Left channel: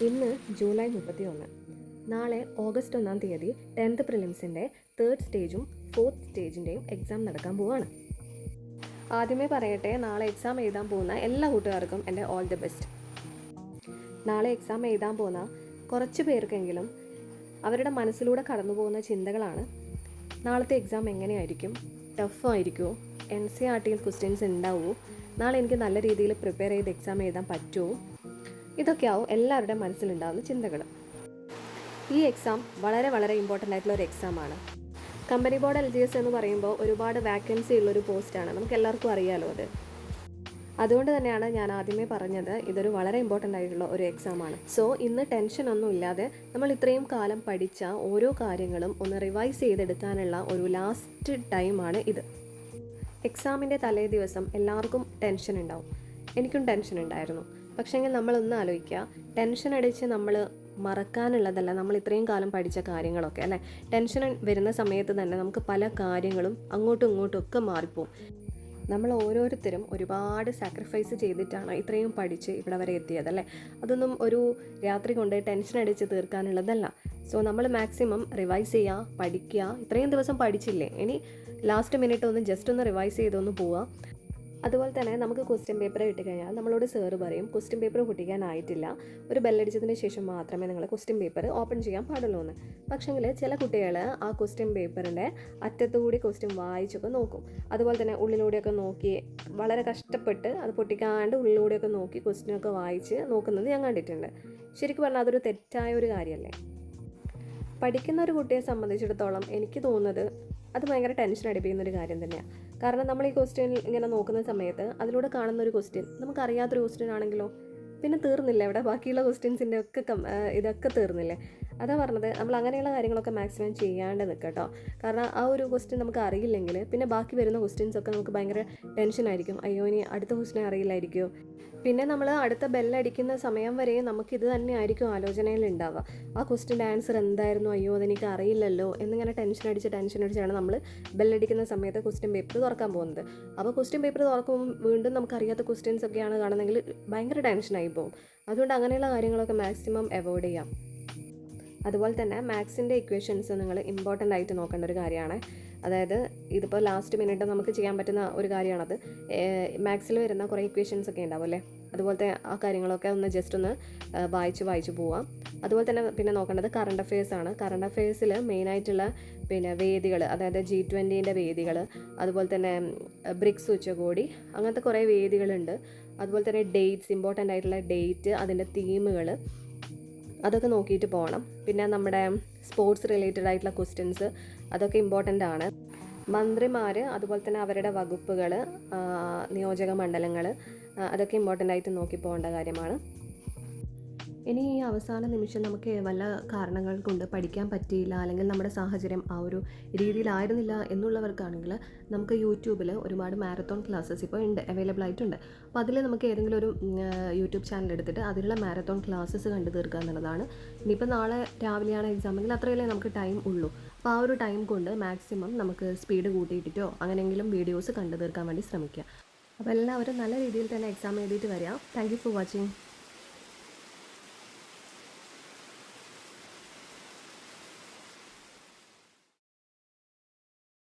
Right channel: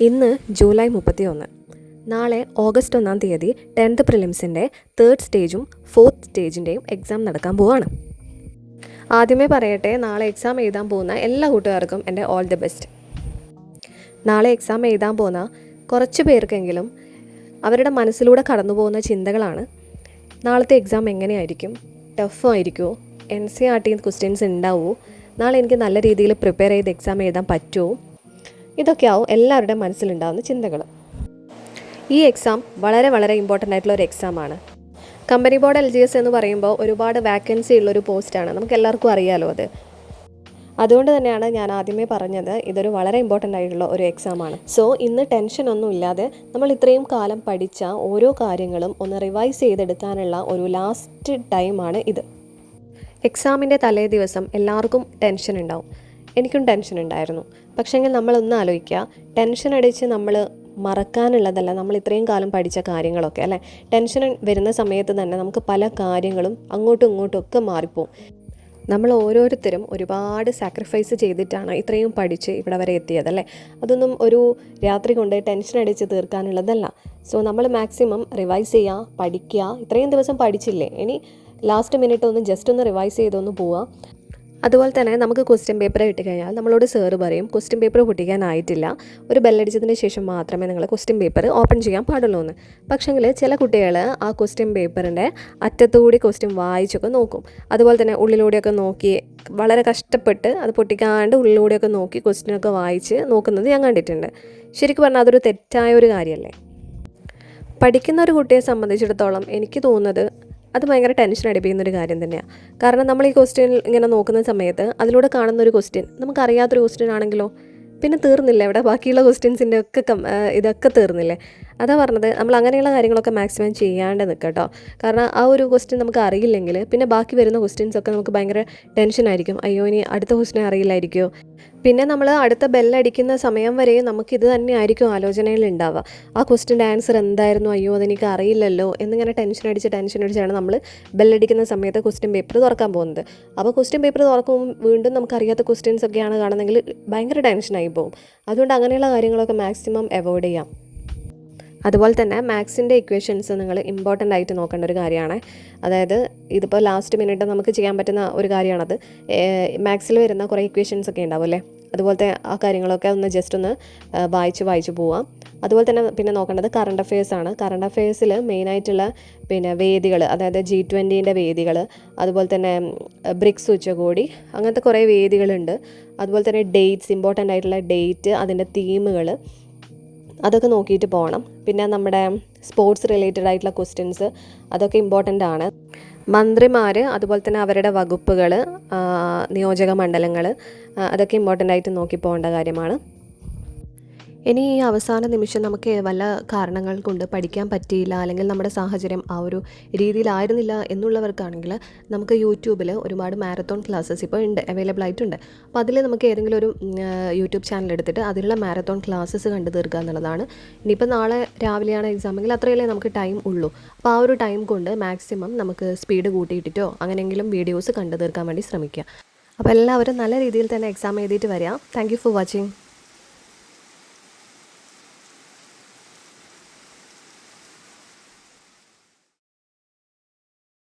ഇന്ന് ജൂലൈ 31. നാളെ ഓഗസ്റ്റ് 1 തീയതി 10th പ്രിലിംസിൻ്റെ 3rd സ്റ്റേജും 4th സ്റ്റേജിൻ്റെയും എക്സാം നടക്കാൻ പോവാണ്. ആദ്യമേ പറയട്ടെ, നാളെ എക്സാം എഴുതാൻ പോകുന്ന എല്ലാ കൂട്ടുകാർക്കും എൻ്റെ ഓൾ ദി ബെസ്റ്റ്. നാളെ എക്സാം എഴുതാൻ പോകുന്ന കുറച്ച് പേർക്കെങ്കിലും അവരുടെ മനസ്സിലൂടെ കടന്നു പോകുന്ന ചിന്തകളാണ്, നാളത്തെ എക്സാം എങ്ങനെയായിരിക്കും, ടഫ് ആയിരിക്കുമോ, NCERT ക്വസ്റ്റ്യൻസ് ഉണ്ടാവുമോ, നാളെ എനിക്ക് നല്ല രീതിയിൽ പ്രിപ്പയർ ചെയ്ത് എക്സാം എഴുതാൻ പറ്റുമോ, ഇതൊക്കെയാവും എല്ലാവരുടെയും മനസ്സിലുണ്ടാകുന്ന ചിന്തകൾ. ഈ എക്സാം വളരെ ഇമ്പോർട്ടൻ്റ് ആയിട്ടുള്ള ഒരു എക്സാമാണ്. കമ്പനി ബോർഡ് LGS എന്ന് പറയുമ്പോൾ ഒരുപാട് വാക്കൻസി ഉള്ളൊരു പോസ്റ്റാണ്, നമുക്ക് എല്ലാവർക്കും അറിയാലോ അത്. അതുകൊണ്ട് തന്നെയാണ് ഞാൻ ആദ്യമേ പറഞ്ഞത് ഇതൊരു വളരെ ഇമ്പോർട്ടൻ്റ് ആയിട്ടുള്ള ഒരു എക്സാമാണ്. സോ ഇന്ന് ടെൻഷനൊന്നും ഇല്ലാതെ നമ്മൾ ഇത്രയും കാലം പഠിച്ച ഓരോ കാര്യങ്ങളും ഒന്ന് റിവൈസ് ചെയ്തെടുക്കാനുള്ള ഒരു ലാസ്റ്റ് ടൈമാണ് ഇത്. എക്സാമിൻ്റെ തലേ ദിവസം എല്ലാവർക്കും ടെൻഷൻ ഉണ്ടാവും. എനിക്കും ടെൻഷൻ ഉണ്ടായിരുന്നു. പക്ഷേങ്കിൽ നമ്മളൊന്ന് ആലോചിക്കുക, ടെൻഷൻ അടിച്ച് നമ്മൾ മറക്കാനുള്ളതല്ല നമ്മൾ ഇത്രയും കാലം പഠിച്ച കാര്യങ്ങളൊക്കെ അല്ലേ. ടെൻഷൻ വരുന്ന സമയത്ത് തന്നെ നമുക്ക് പല കാര്യങ്ങളും അങ്ങോട്ടും ഇങ്ങോട്ടും ഒക്കെ മാറിപ്പോവും. നമ്മൾ ഓരോരുത്തരും ഒരുപാട് സാക്രിഫൈസ് ചെയ്തിട്ടാണ് ഇത്രയും പഠിച്ച് ഇവിടെ വരെ എത്തിയതല്ലേ. അതൊന്നും ഒരു രാത്രി കൊണ്ട് ടെൻഷൻ അടിച്ച് തീർക്കാനുള്ളതല്ല. സോ നമ്മൾ മാക്സിമം റിവൈസ് ചെയ്യുക, പഠിക്കുക. ഇത്രയും ദിവസം പഠിച്ചില്ലേ, ഇനി ലാസ്റ്റ് മിനിറ്റ് ഒന്ന് ജസ്റ്റ് ഒന്ന് റിവൈസ് ചെയ്തൊന്ന് പോവുക. അതുപോലെ തന്നെ നമുക്ക് ക്വസ്റ്റ്യൻ പേപ്പർ കിട്ടിക്കഴിഞ്ഞാൽ നമ്മളോട് സാറ് പറയും ക്വസ്റ്റ്യൻ പേപ്പർ പൊട്ടിക്കാനായിട്ടില്ല, ഒരു ബെല്ലടിച്ചതിന് ശേഷം മാത്രമേ നിങ്ങൾ ക്വസ്റ്റ്യൻ പേപ്പർ ഓപ്പൺ ചെയ്യാൻ പാടുള്ളൂ എന്ന്. പക്ഷേങ്കിൽ ചില കുട്ടികൾ ആ ക്വസ്റ്റ്യൻ പേപ്പറിൻ്റെ അറ്റത്തുകൂടി ക്വസ്റ്റ്യൻ വായിച്ചൊക്കെ നോക്കും. അതുപോലെ തന്നെ ഉള്ളിലൂടെയൊക്കെ നോക്കി വളരെ കഷ്ടപ്പെട്ട് അത് പൊട്ടിക്കാണ്ട് ഉള്ളിലൂടെയൊക്കെ നോക്കി ക്വസ്റ്റ്യനൊക്കെ വായിച്ച് നോക്കുന്നത് ഞാൻ കണ്ടിട്ടുണ്ട്. ശരിക്കും പറഞ്ഞാൽ അതൊരു തെറ്റായ ഒരു കാര്യമല്ലേ. പഠിക്കുന്ന ഒരു കുട്ടിയെ സംബന്ധിച്ചിടത്തോളം എനിക്ക് തോന്നുന്നത് അത് ഭയങ്കര ടെൻഷൻ അടിപ്പിക്കുന്നൊരു കാര്യം തന്നെയാണ്. കാരണം നമ്മൾ ഈ ക്വസ്റ്റ്യൻ ഇങ്ങനെ നോക്കുന്ന സമയത്ത് അതിലൂടെ കാണുന്നൊരു ക്വസ്റ്റ്യൻ നമുക്കറിയാത്തൊരു ക്വസ്റ്റ്യൻ ആണെങ്കിലോ പിന്നെ തീർന്നില്ലേ, ഇവിടെ ബാക്കിയുള്ള ക്വസ്റ്റ്യൻസിൻ്റെ ഒക്കെ ഇതൊക്കെ തീർന്നില്ലേ. അതാ പറഞ്ഞത്, നമ്മൾ അങ്ങനെയുള്ള കാര്യങ്ങളൊക്കെ മാക്സിമം ചെയ്യാണ്ട് നിൽക്കുക കേട്ടോ. കാരണം ആ ഒരു ക്വസ്റ്റ്യൻ നമുക്ക് അറിയില്ലെങ്കിൽ പിന്നെ ബാക്കി വരുന്ന ക്വസ്റ്റ്യൻസൊക്കെ നമുക്ക് ഭയങ്കര ടെൻഷനായിരിക്കും. അയ്യോ ഇനി അടുത്ത ക്വസ്റ്റ്യൻ അറിയില്ലായിരിക്കുമോ. പിന്നെ നമ്മൾ അടുത്ത ബെല്ലടിക്കുന്ന സമയം വരെ നമുക്കിത് തന്നെയായിരിക്കും ആലോചനയിൽ ഉണ്ടാവുക. ആ ക്വസ്റ്റ്യൻ്റെ ആൻസർ എന്തായിരുന്നു, അയ്യോ അതെനിക്ക് അറിയില്ലല്ലോ എന്നിങ്ങനെ ടെൻഷൻ അടിച്ചാണ് നമ്മൾ ബെല്ലടിക്കുന്ന സമയത്ത് ക്വസ്റ്റ്യൻ പേപ്പർ തുറക്കാൻ പോകുന്നത്. അപ്പോൾ ക്വസ്റ്റ്യൻ പേപ്പർ തുറക്കുമ്പോൾ വീണ്ടും നമുക്കറിയാത്ത ക്വസ്റ്റ്യൻസ് ഒക്കെയാണ് കാണുന്നതെങ്കിൽ ഭയങ്കര ടെൻഷനായി പോകും. അതുകൊണ്ട് അങ്ങനെയുള്ള കാര്യങ്ങളൊക്കെ മാക്സിമം അവോയ്ഡ് ചെയ്യാം. അതുപോലെ തന്നെ മാത്സിൻ്റെ ഇക്വേഷൻസ് നിങ്ങൾ ഇമ്പോർട്ടൻ്റ് ആയിട്ട് നോക്കേണ്ട ഒരു കാര്യമാണ്. അതായത് ഇതിപ്പോൾ ലാസ്റ്റ് മിനിറ്റ് നമുക്ക് ചെയ്യാൻ പറ്റുന്ന ഒരു കാര്യമാണത്. മാത്സിൽ വരുന്ന കുറേ ഇക്വേഷൻസ് ഒക്കെ ഉണ്ടാവും അല്ലേ, അതുപോലത്തെ ആ കാര്യങ്ങളൊക്കെ ഒന്ന് ജസ്റ്റ് ഒന്ന് വായിച്ച് പോവാം. അതുപോലെ തന്നെ പിന്നെ നോക്കേണ്ടത് കറണ്ട് അഫെയർസാണ്. കറണ്ട് അഫെയർസിൽ മെയിനായിട്ടുള്ള പിന്നെ വേദികൾ, അതായത് G20 വേദികൾ, അതുപോലെ തന്നെ ബ്രിക്സ് ഉച്ചകോടി, അങ്ങനത്തെ കുറേ വേദികളുണ്ട്. അതുപോലെ തന്നെ ഡേറ്റ്സ്, ഇമ്പോർട്ടൻ്റ് ആയിട്ടുള്ള ഡേറ്റ്, അതിൻ്റെ തീമുകൾ, അതൊക്കെ നോക്കിയിട്ട് പോകണം. പിന്നെ നമ്മുടെ സ്പോർട്സ് റിലേറ്റഡ് ആയിട്ടുള്ള ക്വസ്റ്റ്യൻസ് അതൊക്കെ ഇമ്പോർട്ടൻ്റ് ആണ്. മന്ത്രിമാർ, അതുപോലെ തന്നെ അവരുടെ വകുപ്പുകൾ, നിയോജക മണ്ഡലങ്ങൾ, അതൊക്കെ ഇമ്പോർട്ടൻ്റ് ആയിട്ട് നോക്കി പോകേണ്ട കാര്യമാണ്. ഇനി ഈ അവസാന നിമിഷം നമുക്ക് വല്ല കാരണങ്ങൾ കൊണ്ട് പഠിക്കാൻ പറ്റിയില്ല, അല്ലെങ്കിൽ നമ്മുടെ സാഹചര്യം ആ ഒരു രീതിയിലായിരുന്നില്ല എന്നുള്ളവർക്കാണെങ്കിൽ നമുക്ക് യൂട്യൂബിൽ ഒരുപാട് മാരത്തോൺ ക്ലാസ്സസ് ഇപ്പോൾ ഉണ്ട്, അവൈലബിൾ ആയിട്ടുണ്ട്. അപ്പോൾ അതിൽ നമുക്ക് ഏതെങ്കിലും ഒരു യൂട്യൂബ് ചാനൽ എടുത്തിട്ട് അതിലുള്ള മാരത്തോൺ ക്ലാസ്സസ് കണ്ടു തീർക്കുക എന്നുള്ളതാണ്. ഇനിയിപ്പോൾ നാളെ രാവിലെയാണ് എക്സാമെങ്കിൽ അത്രയല്ലേ നമുക്ക് ടൈം ഉള്ളൂ. അപ്പോൾ ആ ഒരു ടൈം കൊണ്ട് മാക്സിമം നമുക്ക് സ്പീഡ് കൂട്ടിയിട്ടിട്ടോ അങ്ങനെയെങ്കിലും വീഡിയോസ് കണ്ടു തീർക്കാൻ വേണ്ടി ശ്രമിക്കുക. അപ്പോൾ എല്ലാവരും നല്ല രീതിയിൽ തന്നെ എക്സാം എഴുതിയിട്ട് വരിക. Thank you for watching.